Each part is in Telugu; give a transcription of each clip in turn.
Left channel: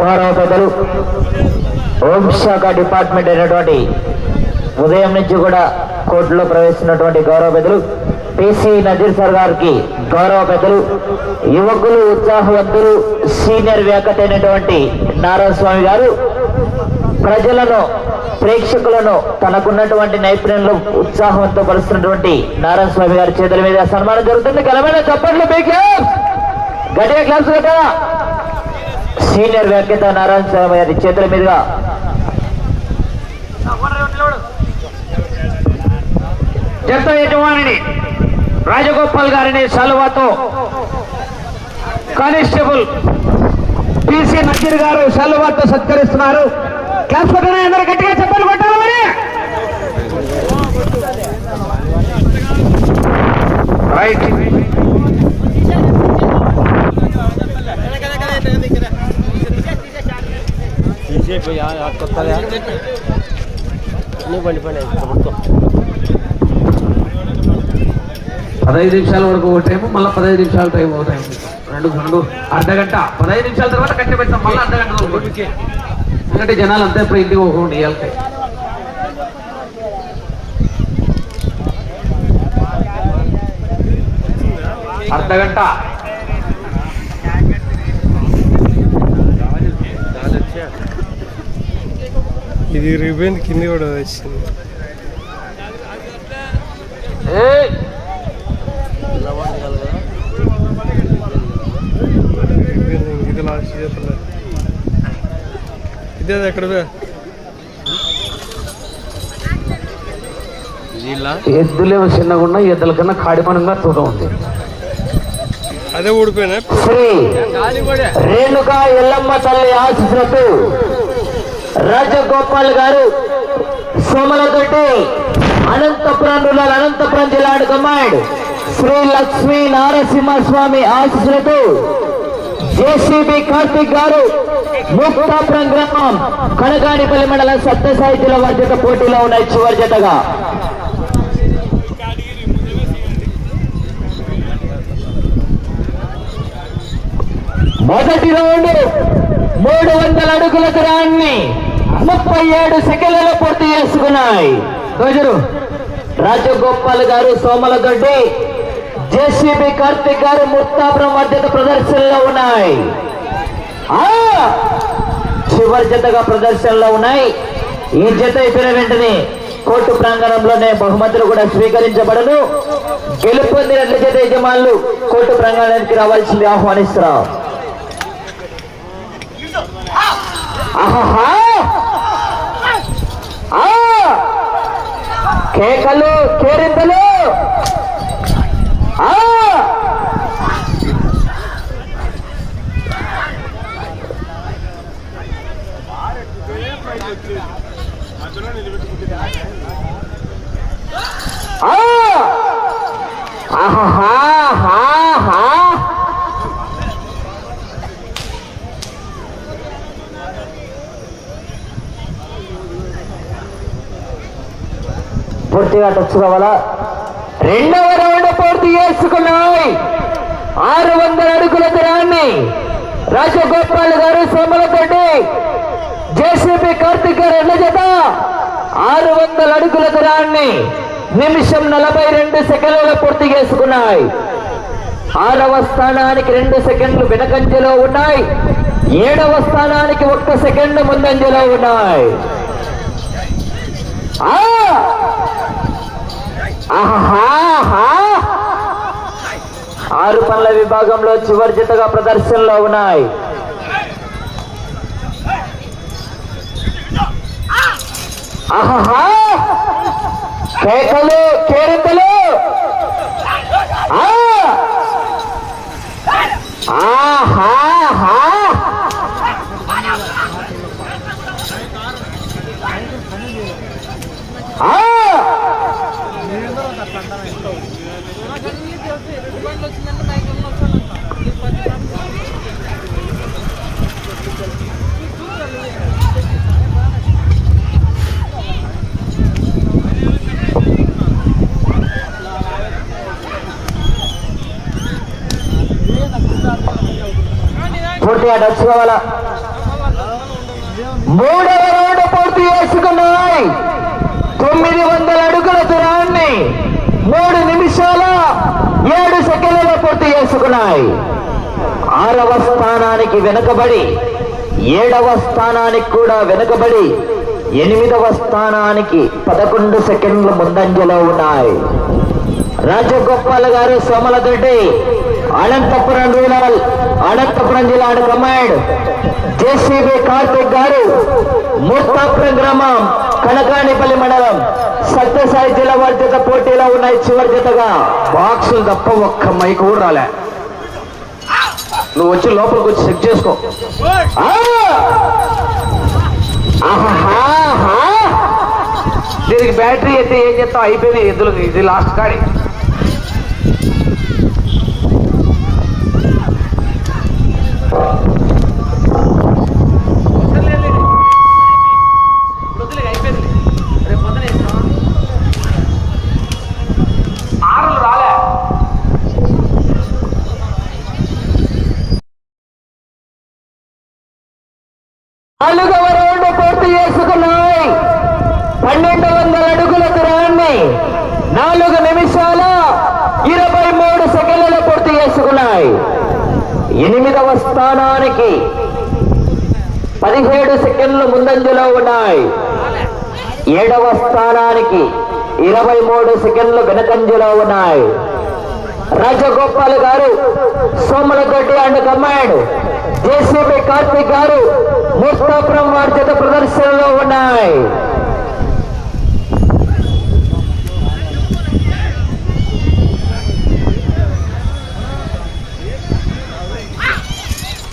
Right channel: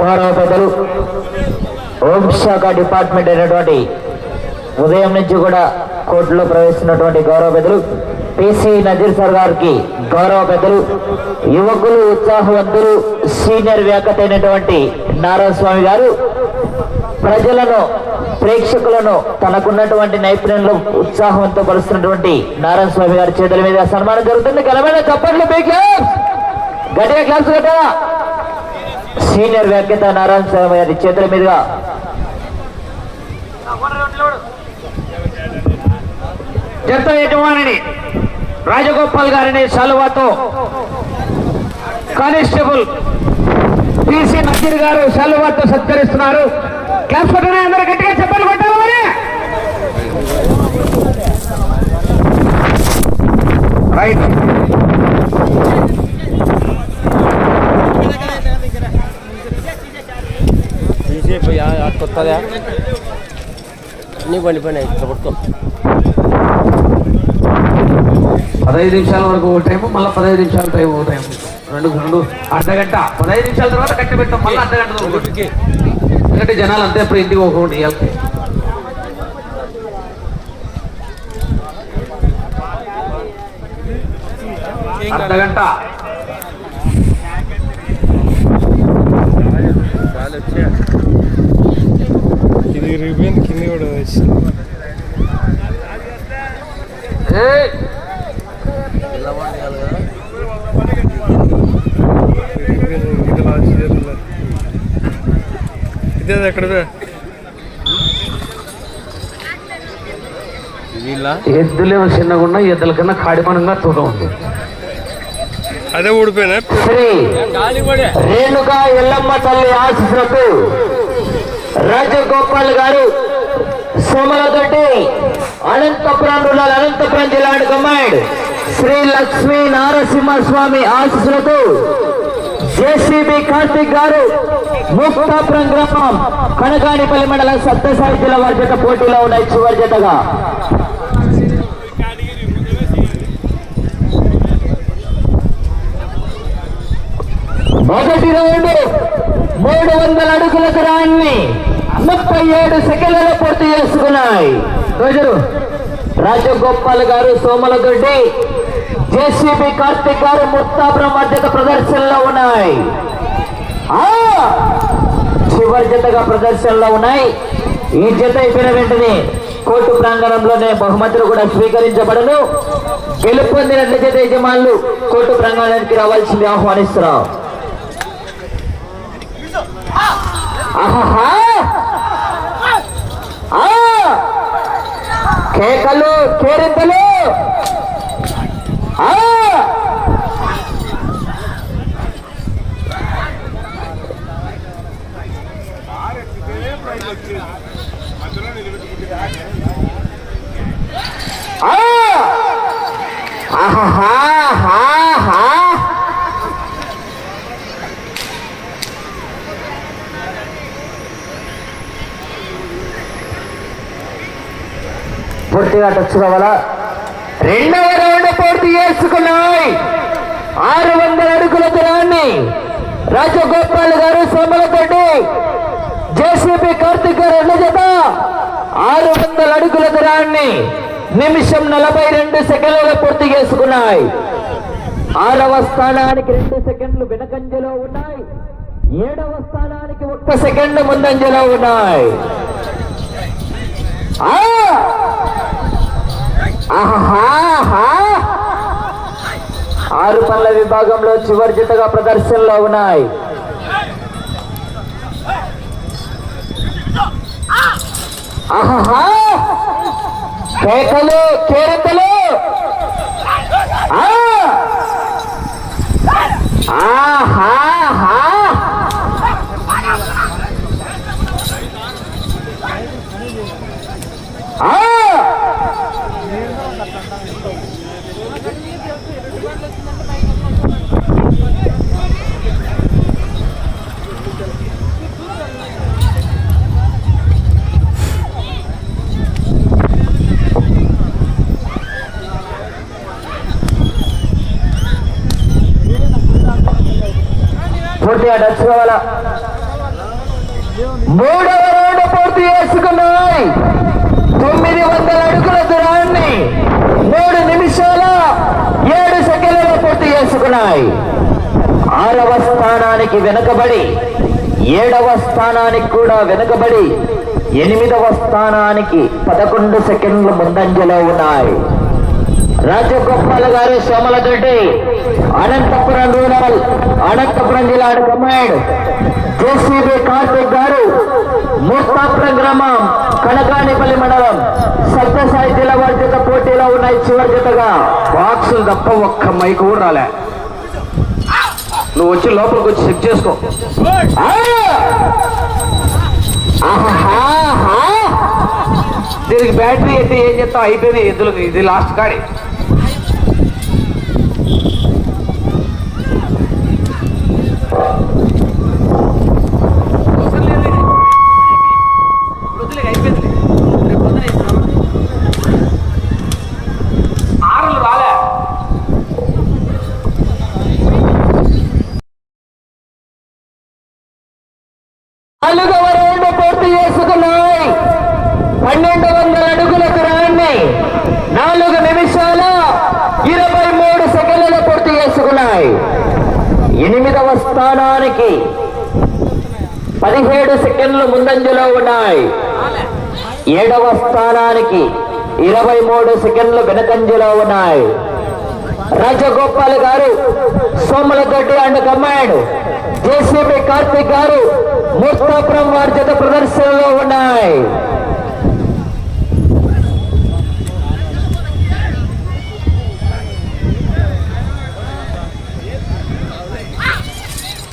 గౌరవ పెద్దలు హోంశాఖ డిపార్ట్మెంట్ అయినటువంటి ఉదయం నుంచి కూడా కోర్టులో ప్రవేశించినటువంటి గౌరవ పెద్దలు పిసి నజీర్ సార్ గారికి గౌరవ పెద్దలు యువకులు ఉత్సాహవంతులు సీనియర్ వ్యాకట్ అయినటువంటి నారాయణస్వామి గారు ప్రజలను ప్రేక్షకులను తనకున్నటువంటి నైపుణ్యంలో ఉత్సాహంతో పరుస్తున్నటువంటి నారాయణ స్వామి గారి చేతుల మీద సన్మానం జరుగుతుంది. కలమైన చప్పట్లు గట్టిగా క్లాస్ కట్టా సీనియర్ వెంకట నారాయణ స్వామి గారి చేతుల మీదుగా. జత యజమానిని రాజగోపాల్ గారిని సలువాతో కానిస్టేబుల్ పిసి నజీర్ గారు సలువాతో సత్కరిస్తున్నారు. క్లాస్ కొట్టనే అందరూ గట్టిగా చెప్పాలి ఇక్కడ పట్టుకో పదహైదు నిమిషాల వరకు ఒక టైం మళ్ళీ పదహైదు నిమిషాల టైం ఒక టైం రెండు రెండు అర్ధ గంట. పదహైదు నిమిషాల తర్వాత కట్టి పెట్టాం మళ్ళీ అర్ధ గంట ఒకటి. ఎందుకంటే జనాలు అంతా ఇప్పుడు ఇంటికి పోకుండా ఇవ్వాలి అర్ధ గంట. ఇది రిబన్ కింద కూడా వచ్చింది ఇది లాస్ట్ చేతుల్లో ఇదే ఎక్కడ ఎద్దులేమో చిన్నగా ఉన్నాయి ఎద్దుల కన్నా కాడిమనంగా తూట ఉంది. అదే ఊడిపోయినా? రేణుకా ఎల్లమ్మ తల్లి ఆశీస్సులతో రాజగోపాల్ గారు సోమలతోటి అనంతపురం రూరల్ అనంతపురం జిల్లా కమాండ్ శ్రీ లక్ష్మీ నారసింహస్వామి ఆశీస్సులతో జేసీబీ కార్తిక్ గారు ముక్తాపురం గ్రామం కనగాడిపల్లి మండలం సత్యసాయి జిల్లా వారి జత పోటీలో ఉన్నాయి చివరి జతగా. మొదటి రౌండ్ మూడు వందల అడుగుల దూరాన్ని ముప్పై ఏడు సెకండ్లలో పూర్తి చేసుకున్నాయి. రాజగోపాల్ గారు సోమలదొడ్డి జేసీబీ కార్తిక్ గారు ముస్తాబ్రం మధ్యత ప్రదర్శనలో ఉన్నాయి. ఆ! చివరి జతగా ప్రదర్శనలో ఉన్నాయి. ఈ జత అయిపోయిన వెంటనే కోర్టు ప్రాంగణంలోనే బహుమతులు కూడా స్వీకరించబడను. గెలుపొందినట్ల జత యజమానులు కోర్టు ప్రాంగణానికి రావాల్సింది ఆహ్వానిస్తున్నారు. కేకలు కేరింతలు. ఆ! గట్టిగా టచ్ కావాలా? రెండవ రౌండ్ పూర్తి చేసుకున్నాయి. ఆరు వందల అడుగుల దూరాన్ని రాజగోపాల్ గారు సోమలతోటి జేసీబీ కార్తిక్ గారు ఎన్న జత ఆరు వందల అడుగుల దూరాన్ని నిమిషం నలభై రెండు సెకండ్లలో పూర్తి చేసుకున్నాయి. ఆరవ స్థానానికి రెండు సెకండ్లు వెనకంజలో ఉన్నాయి. ఏడవ స్థానానికి ఒక్క సెకండ్ ముందంజలో ఉన్నాయి. ఆరు పనుల విభాగంలో చివరి జతగా ప్రదర్శనలో ఉన్నాయి. కేకలు కేరతలు. ఆహా. ఆహాహా! ఆ! పూర్తిగా టచ్ మూడవ రౌండ్ పూర్తి చేసుకున్నాయి. తొమ్మిది వందల అడుగుల దూరాన్ని మూడు నిమిషాల ఏడు సెకండ్లలో పూర్తి చేసుకున్నాయి. ఆరవ స్థానానికి వెనుకబడి ఏడవ స్థానానికి కూడా వెనుకబడి ఎనిమిదవ స్థానానికి పదకొండు సెకండ్లు ముందంజలో ఉన్నాయి. రాజగోపాల్ గారు సోమలదొడ్డి అనంతపురం రూరల్ అనంతపురం జిల్లా జేసీబీ కార్తిక్ గారు ముస్తాపురం గ్రామం కనకానిపల్లి మండలం సత్యసాయి జిల్లా వారి జత పోటీలో ఉన్నాయి చివరి జతగా బాక్సులు తప్ప ఒక్క మైక్ కూడా రాలే. నువ్వు వచ్చి లోపలికి వచ్చి చెక్ చేసుకో. దీనికి బ్యాటరీ అయితే ఏం చెప్తావు అయిపోయింది. ఎద్దులు ఇది లాస్ట్ కాడి. నాలుగవ రౌండ్ పూర్తి చేసుకున్నాయి. పన్నెండు వందల అడుగుల దూరాన్ని నాలుగు నిమిషాల ఇరవై మూడు సెకండ్లు పూర్తి చేసుకున్నాయి. ఎనిమిదవ స్థానానికి పదిహేడు సెకండ్లు ముందంజలో ఉన్నాయి. ఏడవ స్థానానికి ఇరవై మూడు సెకండ్లు వెనకంజలో ఉన్నాయి Rajagopal garu Somalagaddi and command JCB Karthik garu Mustapuram వారి జత ప్రదర్శనలో ఉన్నాయి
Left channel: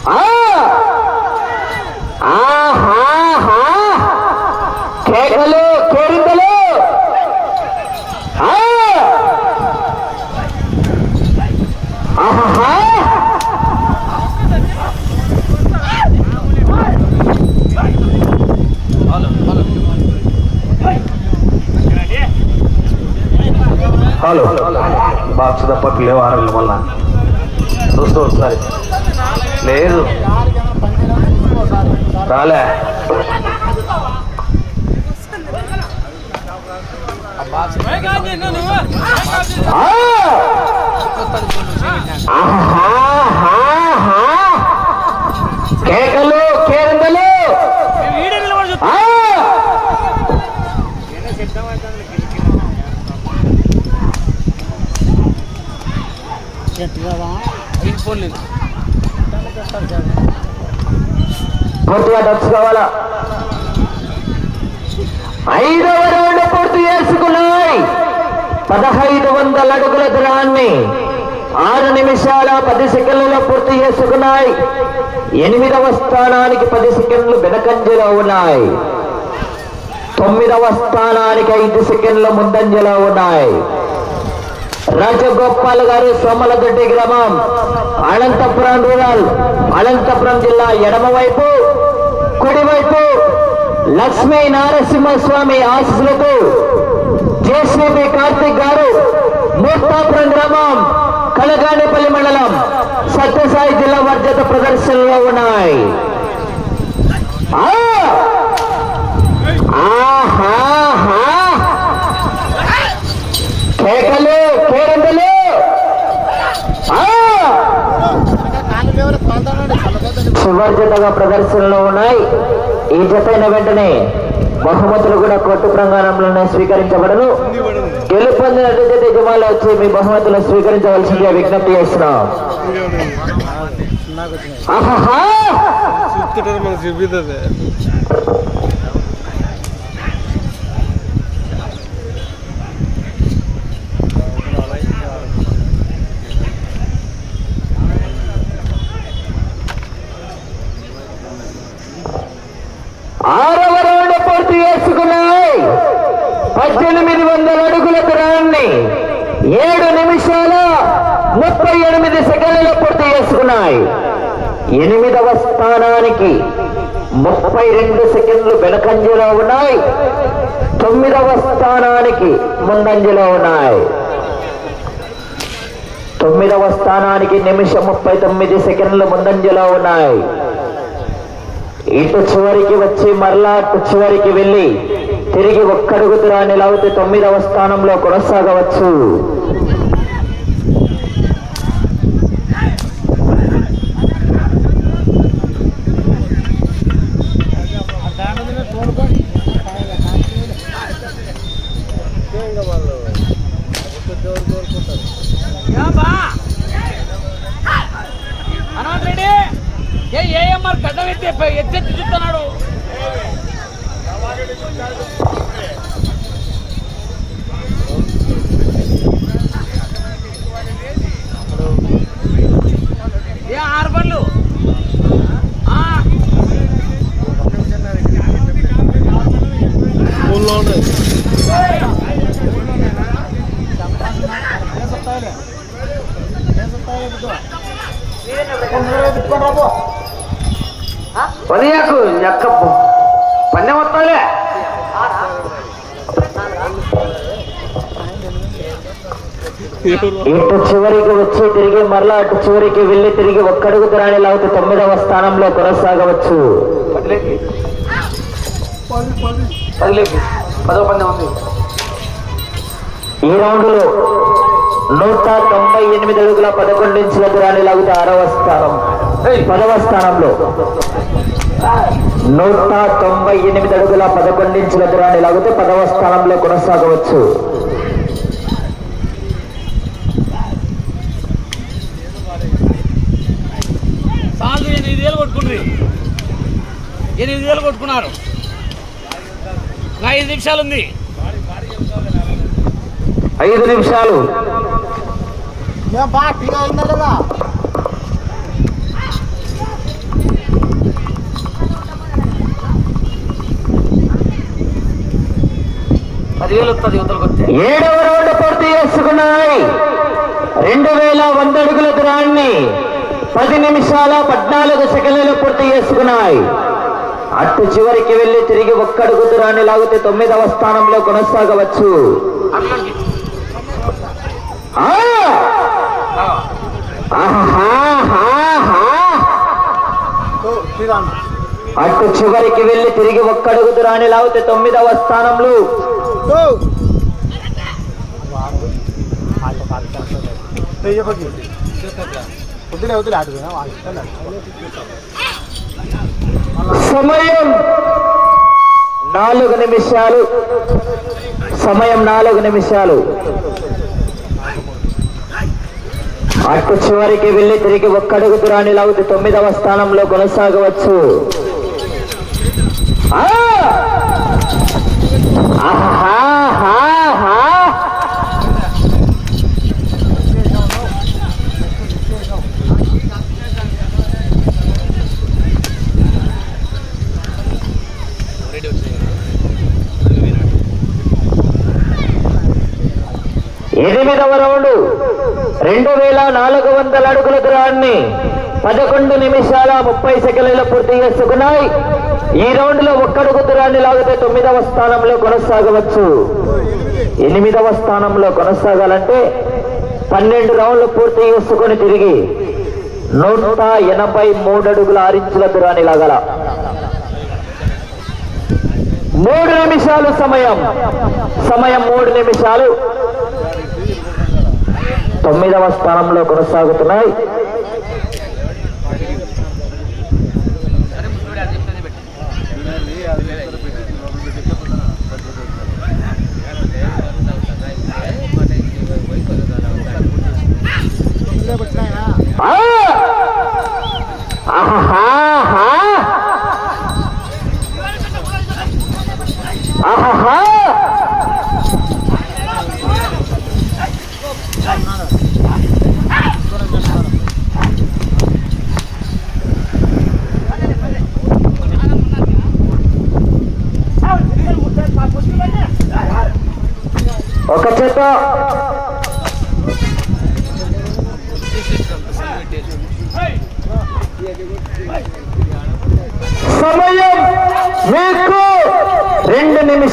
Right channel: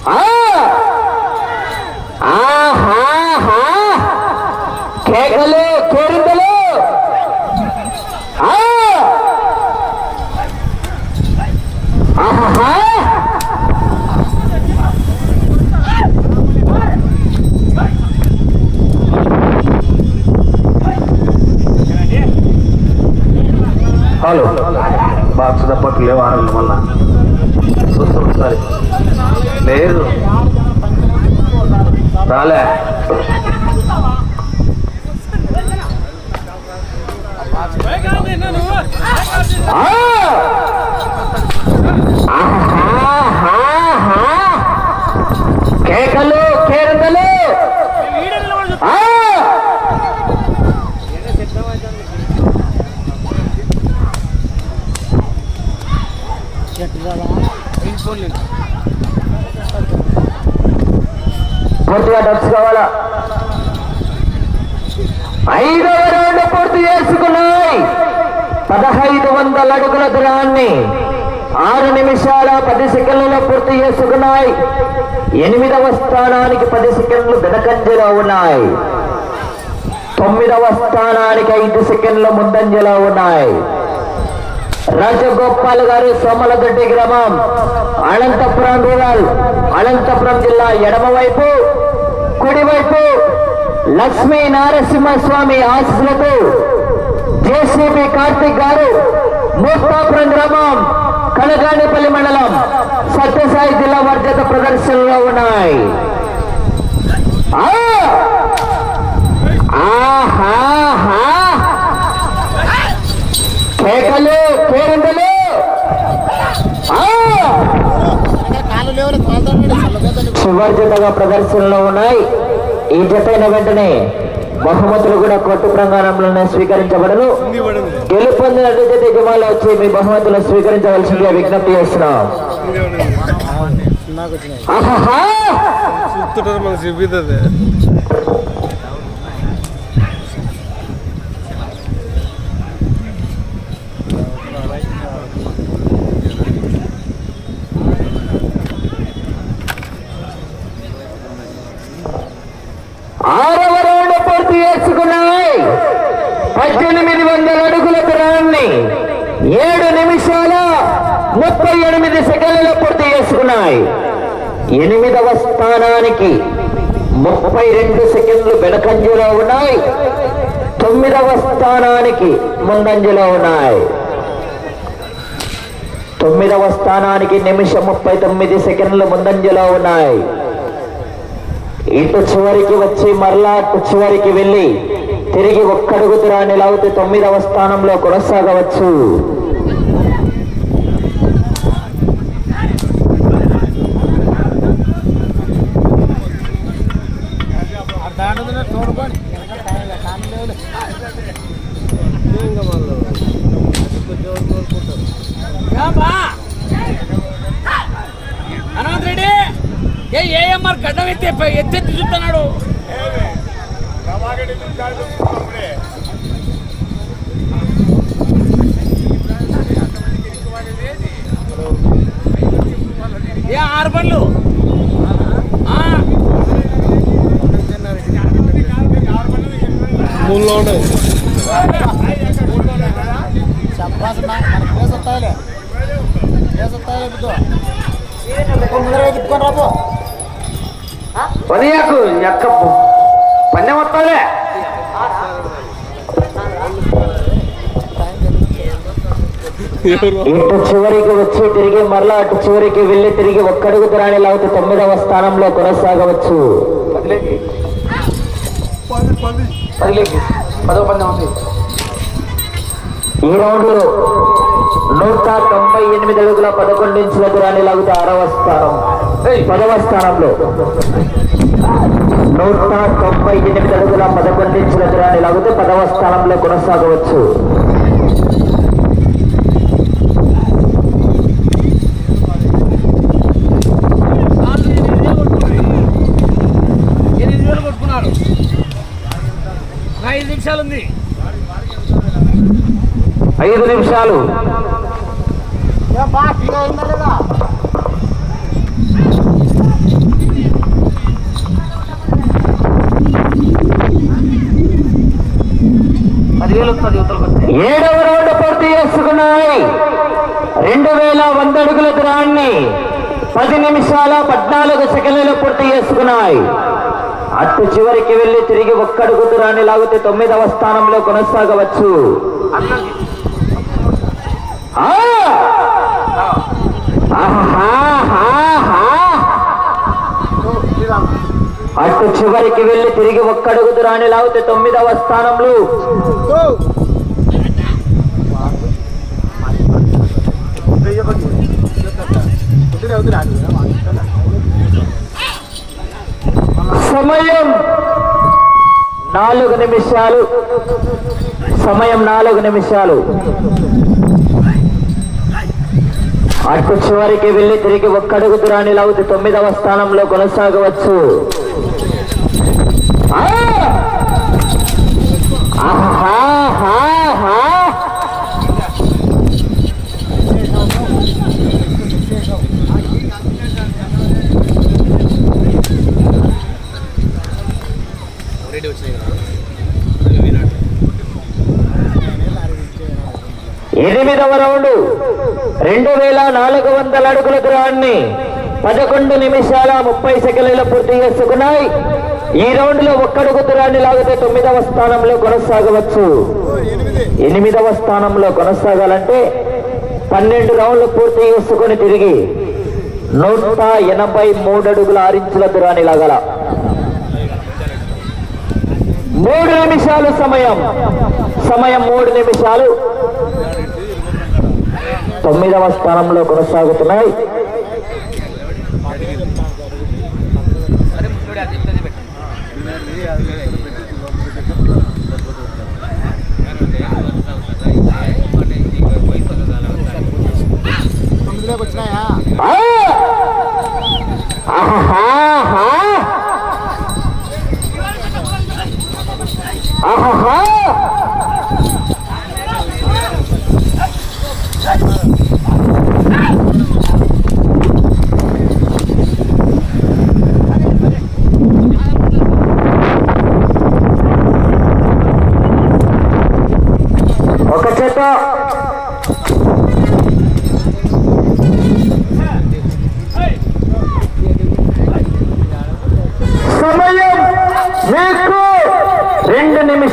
ఆ! ఆహాహా! కేకలు కేరింతలు ఆ! ఆహాహా! హలో బాక్స్ తప్ప లేవు ఆరు మళ్ళా చూస్తూ ఒకసారి లేదు రాలే కేకలు కేరింతలు ఆ! పూర్తిగా డబ్స్ కావాలా ఐదవ రౌండ్ పూర్తి చేసుకున్నాయి. పదహైదు వందల అడుగుల దూరాన్ని ఆరు నిమిషాల పది సెకండ్లలో పూర్తి చేసుకున్నాయి. ఎనిమిదవ స్థానానికి పది సెకండ్లు వెనకంజలో ఉన్నాయి. తొమ్మిదవ స్థానానికి ఐదు సెకండ్ల ముందంజలో ఉన్నాయి. రాజగోపాల్ గారు సోమలదొడ్డి గ్రామం అనంతపురం రూరల్ అనంతపురం జిల్లా ఎడమవైపు కుడివైపు లక్ష్మీ నారసింహస్వామి ఆశీస్సులతో జేసీబీ కార్తిక్ గారు మూర్తాపురం గ్రామం కలగానేపల్లి మండలం సత్యసాయి జిల్లా వర్జత ప్రదర్శనలో ఉన్నాయి. ఆహా కేకలు! పేరెంటలు? చివరి జతగా ప్రదర్శనలో ఉన్నాయి. ఈ జత అయిన వెంటనే బహుమతులు కూడా కొట్టు ప్రాంగణంలోనే స్వీకరించబడను. గెలుపొందిన జత దిగుమాలు వచ్చి మీ బహుమతులు స్వీకరించవలసిందిగా విజ్ఞప్తి చేస్తున్నాం. ఆహాహా! ఆరవ రౌండ్ పూర్తి చేసుకున్నాయి. పద్దెనిమిది వందల అడుగుల దూరాన్ని ఏడు నిమిషాల ముప్పై ఎనిమిది సెకండ్లు పూర్తి చేసుకున్నాయి. ఎనిమిదవ స్థానానికి ముప్పై రెండు సెకండ్లు వెనకంజలో ఉన్నాయి. తొమ్మిదవ స్థానానికి ముందంజలో ఉన్నాయి. తొమ్మిదవ స్థానానికి నిమిషం ముప్పై తొమ్మిది సెకండ్లు ముందంజలో ఉన్నాయి. ఇటు చివరికి వచ్చి మరలా అటు చివరికి వెళ్ళి తిరిగి ఒక్కడుగుతురా దూరాన్ని తొమ్మిదవ స్థానంలో కొనసాగవచ్చు. 뒤집다 ఉదయకు ఎక్క పన్నె మొత్తాలే ఇటు చివరికి వచ్చి తిరిగి మరలా అటు చివరికి వెళ్ళి తిరిగి ఒక్కడుగు దూరాన్ని లాగితే తొమ్మిదవ స్థానంలో కొనసాగవచ్చు. ఈ రౌండ్లో నూట తొంభై ఎనిమిది అడుగుల పదకొండు ఇంచుల దూరాన్ని ఆరవ స్థానం. పదవ స్థానంలో. నూట తొంభై ఎనిమిది అడుగుల పదకొండు ఇంచుల దూరాన్ని లాగితే పదవ స్థానంలో కొనసాగవచ్చు. ఎనిమిది వేలు కొట్టుకున్నారు ఐదు నిమిషాలు ఉంది. ఐదు నిమిషాలు. ఏడవ రౌండ్ పూర్తి చేసుకున్నాయి. రెండు వేల వంద అడుగుల దూరాన్ని పది నిమిషాల పద్నాలుగు సెకండ్లు పూర్తి చేసుకున్నాయి. అటు చివరికి వెళ్ళి తిరిగి ఒక్కడుగు దూరాన్ని లాగితే తొమ్మిదవ స్థానంలో కొనసాగవచ్చు. ఆ! అటు చివరికి వెళ్ళి తిరిగి ఒక్కడుగుదు రాని లాగితే తొమ్మిదవ స్థానంలో. సమయం నాలుగు నిమిషాలు. సమయం నాలుగు నిమిషాలు. అటు చివరికి వెళ్ళి తిరిగి ఒక్కడుగు దూరాన్ని లాగితే తొమ్మిదవ స్థానంలో కొనసాగవచ్చు. ఎనిమిదవ రౌండ్ రెండు వేల నాలుగు వందల అడుగుల దూరాన్ని పదకొండు నిమిషాల ముప్పై సెకండ్ల పూర్తి చేసుకున్నాయి. ఈ రౌండ్లో ఒక్కడుగు దూరాన్ని లాగితే తొమ్మిదవ స్థానంలో కొనసాగవచ్చు? ఎనిమిదవ స్థానంలో కొనసాగాలంటే పన్నెండు రౌండ్లు పూర్తి చేసుకుని తిరిగి నూట ఎనభై మూడు అడుగుల ఆరించుల దూరాన్ని లాగల. మూడు నిమిషాలు సమయం. సమయం మూడు నిమిషాలు. తొమ్మిదవ స్థానంలో కొనసాగుతున్నాయి.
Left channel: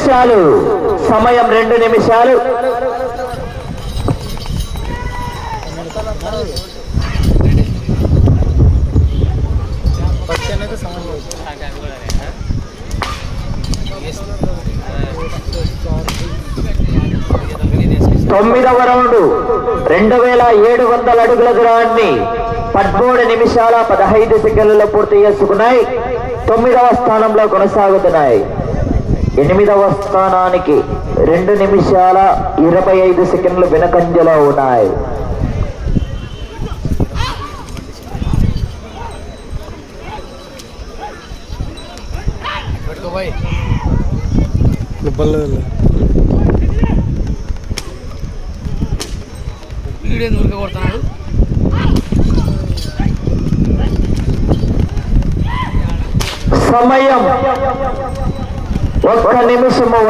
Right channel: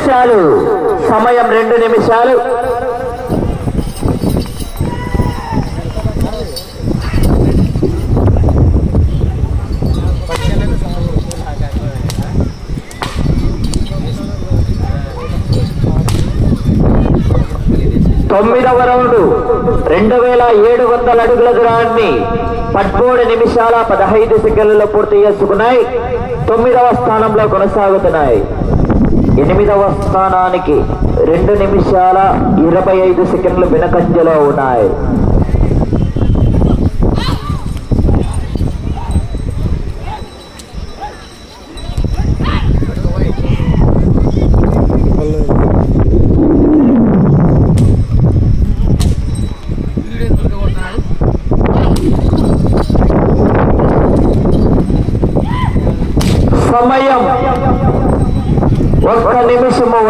నిమిషాలు. సమయం రెండు నిమిషాలు. తొమ్మిదవ రౌండ్ రెండు వేల ఏడు వందల అడుగుల దూరాన్ని పద్మూడు నిమిషాల పదహైదు సెకండ్లలో పూర్తి చేసుకున్నాయి. తొమ్మిదవ స్థానంలో కొనసాగుతున్నాయి. ఎనిమిదవ స్థానానికి రెండు నిమిషాల ఇరవై ఐదు సెకండ్లు వెనకంజలో ఉన్నాయి.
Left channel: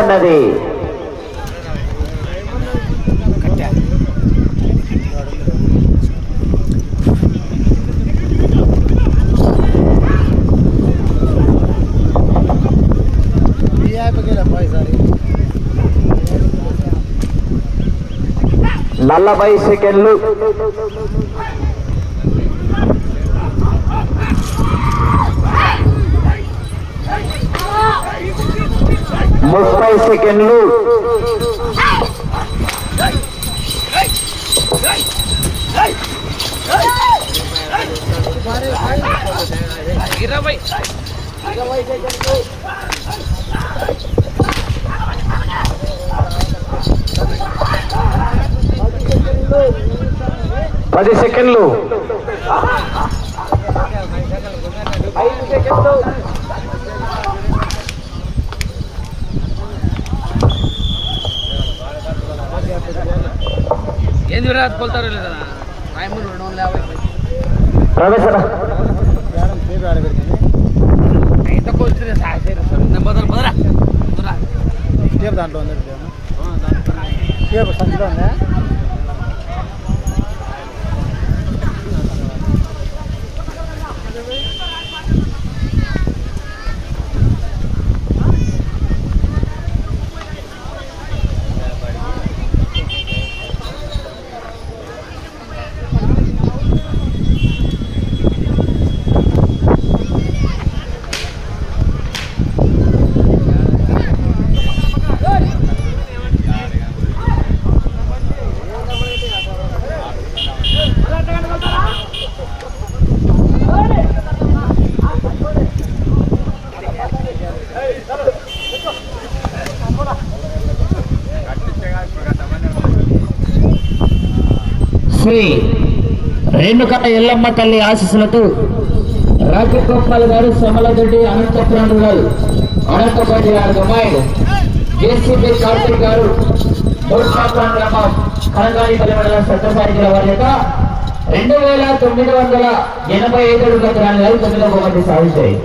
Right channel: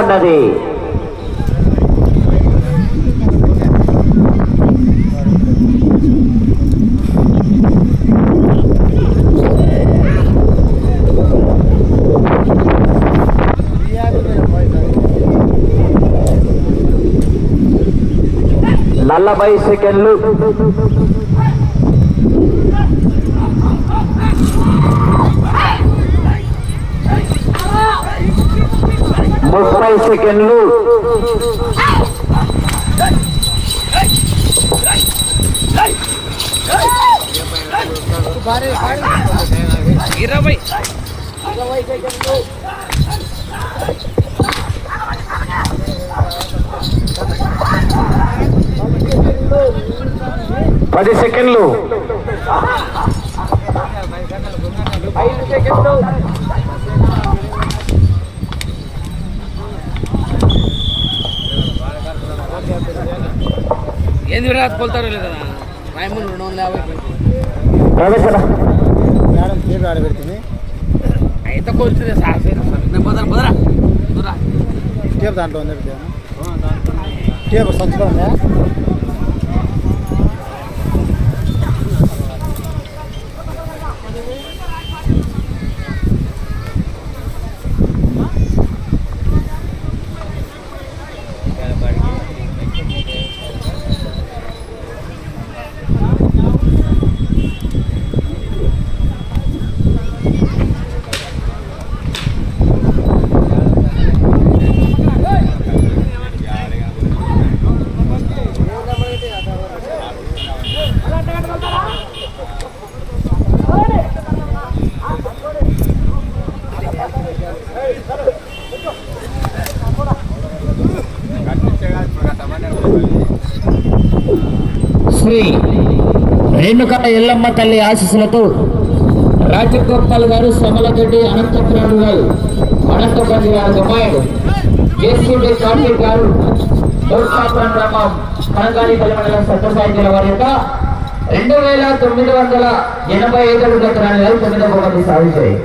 ఉన్నది. నలభై సెకండ్లు. ముప్పై సెకండ్లు. ఇరవై పది సెకండ్లు. ఏంది విరాట్ కోల్తారో లేదా రాయమూరు రెండు వందల యాభై ఎంత కోల్చుదే మొదల మొదల మొదల టేప్ దాంట్లో ఉంది టేప్ సంచిలో ఉందా? శ్రీ రేణుక ఎల్లమ్మ తల్లి ఆశీస్సులతో రాజగోపాల్ గారు సమలతోటి అనంతపురం గారు అనంతపురం గారు అమ్మాయిడు జేసీబీ కార్తీక్ గారు మూర్ఖాపురం గ్రామం కనగాని మండలం సత్యసాయి జిల్లా వారి యొక్క రెండు వేల తొమ్మిది వందల ఎనభై ఐదు అడుగుల తొమ్మిదవ బహుమతి సాధించాయి